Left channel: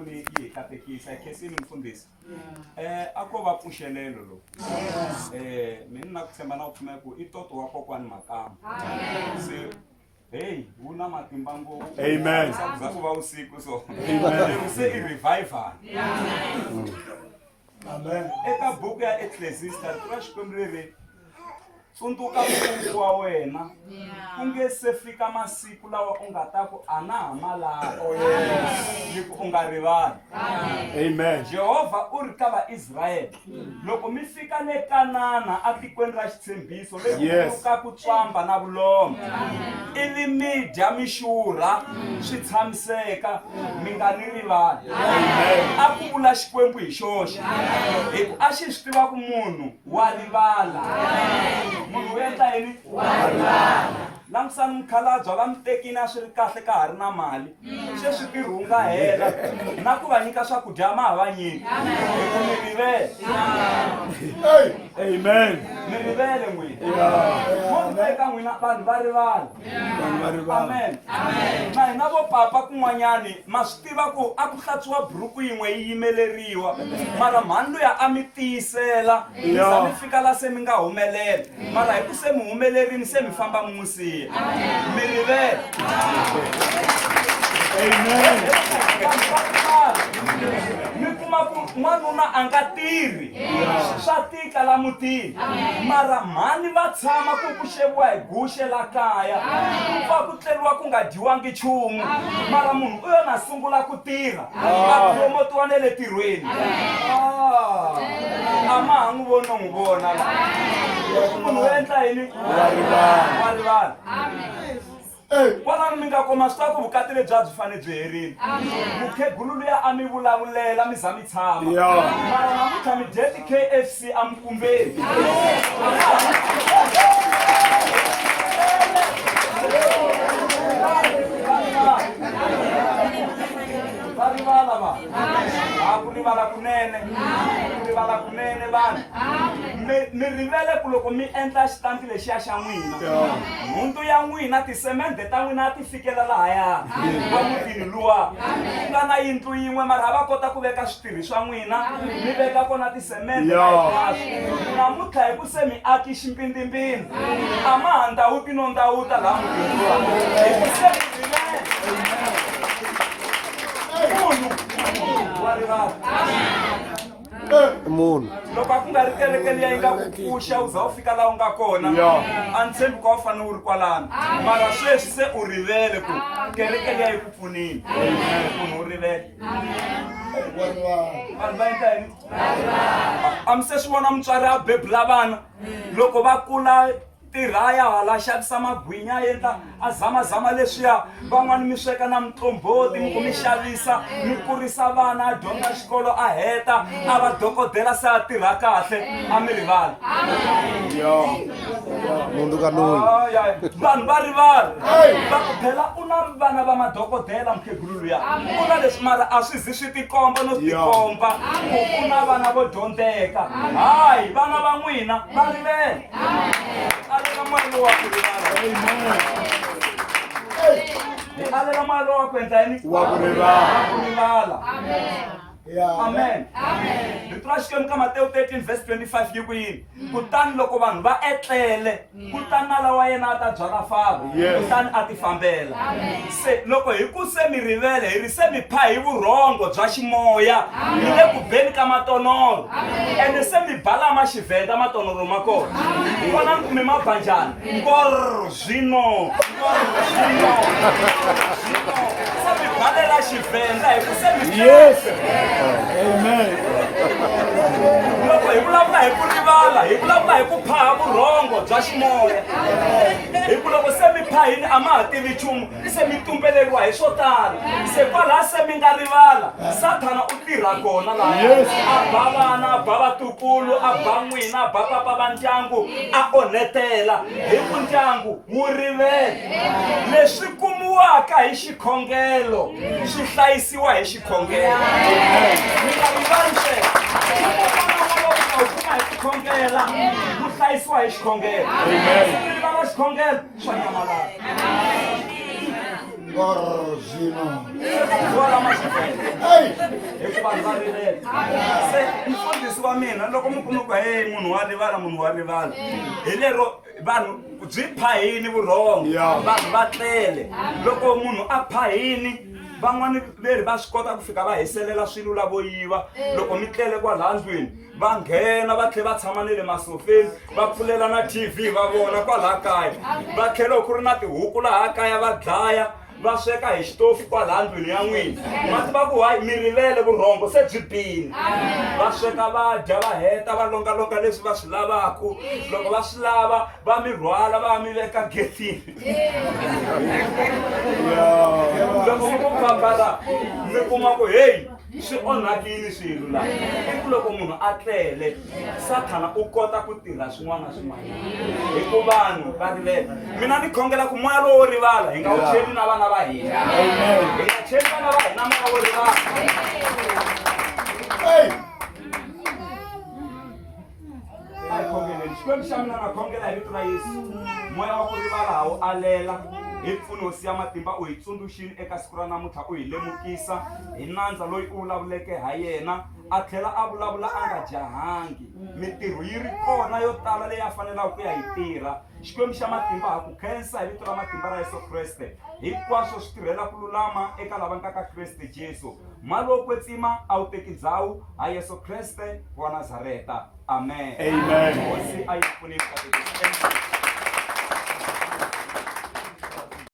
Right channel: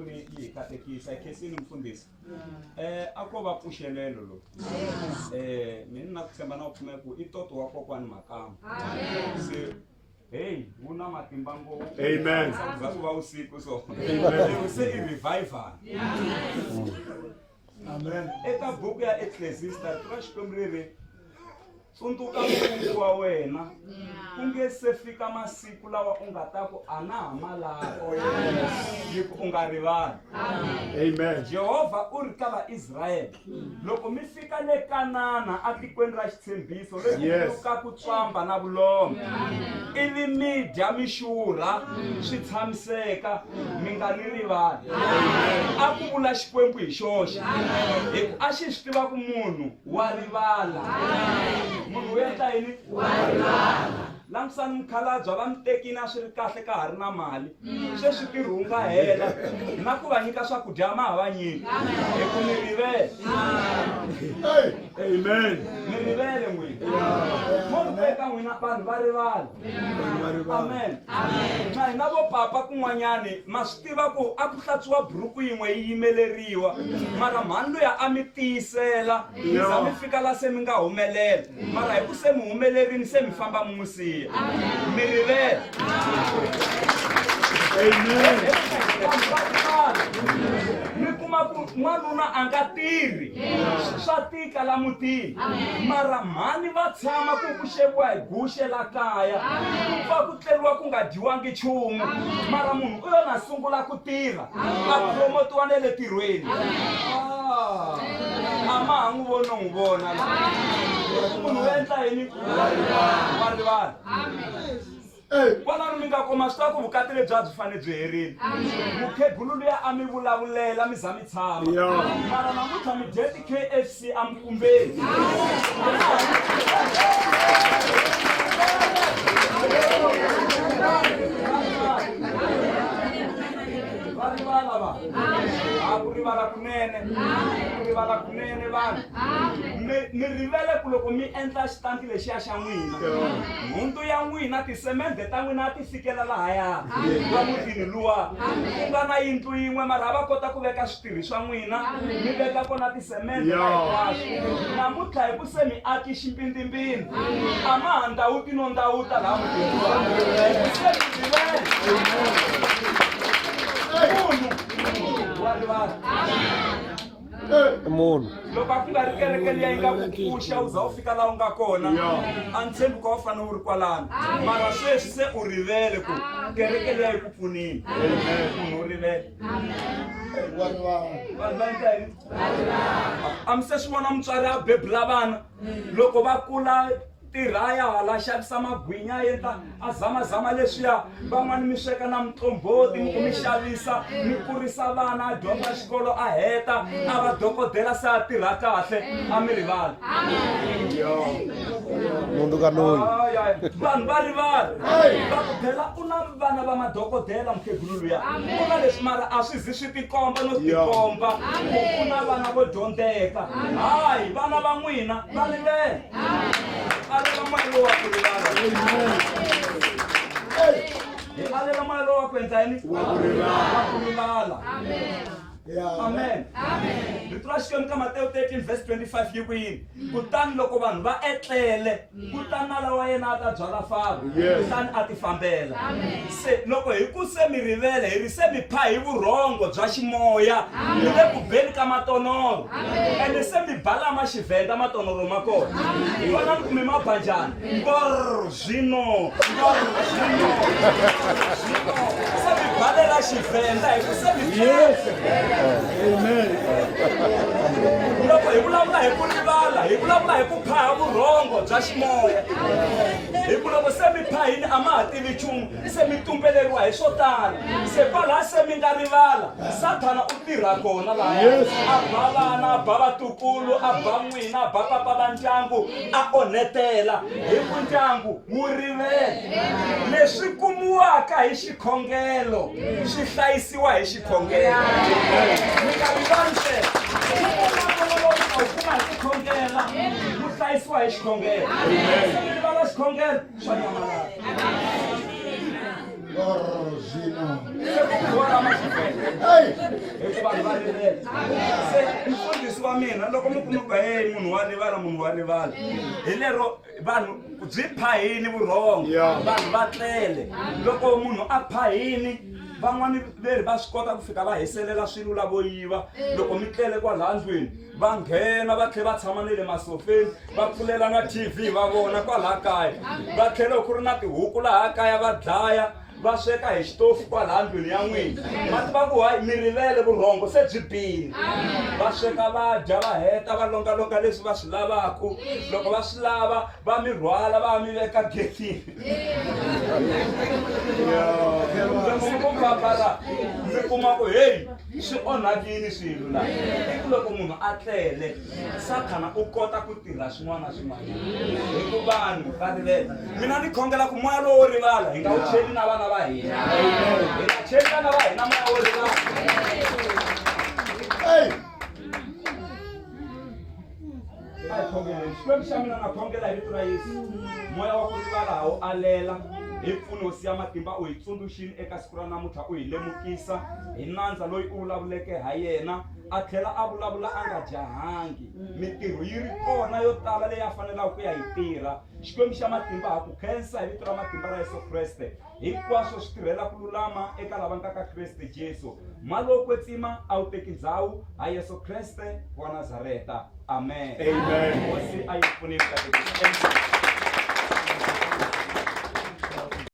ni katekisa kesini mfundisi. Akoba pushelelo lo. Mina nakusema na uphuma ku itoto wako kwani makama. Hey, una matimbango. Amen. Sakuba usiku so. Amen. Use revival. Amen. Eka buku ya Ecclesiastes turashikomrere. Suntuka Mungu wa wena. Ungese fika masiku lawa ungatako anama lako. Yiku ungarivali. Amen. Jehova urikaba Israel. Loko mifika le Kanana atikwendra xitsembiso lekuka kutswamba na vulombe. Ili midya mixurha swi tshamiseka mi nga ni rivali. A ku vula Xikwembu hi xoxe. Hiku a xi swi tiva ku munhu wa rivala. Munhu endla yini? Wa rivala. Langsani mkhalabye va mitekini a swi ri kahle ka ha ri na mali. Sweswi tirhunga hela na ku va nyika swakudya ma va nyiki. Hi ku mi rivele. Amen. Mi rivele n'wina. Mo teka n'wina vanhu va rivala. Amen. Na hina vo papa kun'wanyani ma swi tiva ku a ku hlantswiwa buruku yin'we yi yimeleriwa. Mara mhani luya a mi tiyisela. Mi za mi fika la se mi nga humelela. Mara hi ku se mi humelerini se mi famba mi n'wi siya. Mi rivele. Amen. Mi kuma ku n'wanuna a nga tirhi. Swa tika la mutini. Mara mhani va tshama ku xeviwa hi guxe la kaya. Ku va ku tleriwa ku nga dyiwangi nchumu. Mara munhu u yona sungula ku tirha. A promotiwa na le tirhweni. A ma ha n'wi voni no n'wi vona la. Munhu u endla yini? Wa rivala. Kwalano mi nga koma swi ku vukati lebyi a byi fane byi herile. Mukhegulu luya a mi vulavulela mi za mi tshama. Mara namuntlha mi dye ti-KFC a mikumbeni. Va rivala va. Ku rivala kunene. Ku rivala kunene vanhu. Mi rivele ku loko mi endla xitanti lexiya xa n'wina. Nhundzu ya n'wina tisemende ta n'wina ti fikela lahaya. Va mutini luwa. Ku nga na yindlu yin'we mara va kota ku veka switirhi swa n'wina. Mi veka kona tisemende na hinkwaswo. Namuntlha hi ku se mi aki ximpindimbini. A ma ha ndhawuti no ndhawuta laha mutini luwa. Hi ku se mi rivele. Munhu loko a ku nga ri kereke liya yi nga ku pfuxa u za u fika laha u nga kona a ni tshembi ka u fanele u ri kwalano mara sweswi se u rivele ku kereke liya yi ku pfunile munhu u rivele vanhu va endla yini a mi se swi vona mutswari a bebula vana loko va kula tirhaya hala xavisa magwinya yendla a zamazama leswiya van'wani mi sweka na mitomboti mi ku mi xavisa mi kurisa vana a dyondza xikolo a heta a va dokodela se a tirha kahle a mi rivala munhu ka noni vanhu va rivala va ku phela u na vana va madokodela mukhegulu luya u na leswi mara a swi zi swi tikomba no tikomba ku u na vana vo dyondzeka hayi vana va n'wina va rivele alela malo wa ku rivala alela malo wa ku endla yini wa ku rivala amen Rito ra Xikwembu ka Matewu 13 verse 25 yi ku yini kutani loko vanhu va etlele kutani na lawa yena a ta byala fava kutani a ti fambela se loko hi ku se mi rivele hi ri se mi pha hi vurhongo bya ximoya mi le ku beni ka matonoro ende se mi balama Xivenda matonoro ma kona vona ni kume mabanjani zwino se mi balela Xivenda hi ku se mi Amen. loko hi vulavula hi ku rivala hi vulavula hi ku phaha vurhongo bya ximoya hi ku loko se mi phahini a ma ha tivi nchumu se mi tumbeleriwa hi swo tala se kwalaha se mi nga rivala Sathana u tirha kona lahaya a ba vana a ba vatukulu a ba n'wina a ba papa va ndyangu a onhetela hi ku ndyangu wu rivele leswi kumiwaka hi xikhongelo swi hlayisiwa hi xikhongelo mi nga rivali sweswo kuma hi ku khongela ku hlayisiwa hi xikhongelo mi rivala xikhongelo swa nyamalala Wala masifele. Hikuva vanhu va rilela. Se mfundhisi wa mina loko mi kuma ku hey munhu wa rivala hi lero vanhu byi phayini vurhongo vanhu va tlele loko munhu a phayini van'wani veri va swi kota ku fika va hiselela swilo lavo yiva loko mi tlele kwala ndlwini va nghena va tlhela va tshama na le masofeni va pfulela na TV va vona kwala kaya va tlhela ku ri na tihuku laha kaya va dlaya va sweka hi xitofu kwala ndlwini ya n'wina mati va ku hayi mi rivele vurhongo se byi bini va sweka va dya va heta va longalonga leswi va swi lavaku loko va swi lava va mi rhwala va mi veka getini loko mi ku fambala mi kuma ku hey swi onhakini swilo laha i ku loko munhu a tlele Sathana u kota ku tirha swin'wana na swin'wana hi ku vanhu va rivele mina ni khongela ku moya lowo rivala hi nga wu cheli na vana va hina hi nga cheli vana va hina moya wo rivala a hi khongeleni xikwembu xa mina na khongela hi vito ra Yesu moya wa ku rivala ha wu alela hi mpfuno hosi ya matimba u hi tsundzuxini eka siku ra namuntlha u hi lemukisa hi nandza loyi u vulavuleke ha yena a tlhela a vulavula a nga jahangi mitirho yi ri kona yo tala leyi a fanelaka ku ya yi tirha xikwembu xa matimba ha ku khensa hi vito ra matimba ra Yesu Kreste hinkwaswo swi tirhela ku lulama eka lava nga ka Kreste Jesu malo kwetsima a wu teki ndhawu ha Yesu Kreste wa Nazareta amen hosi a yi pfuneni ka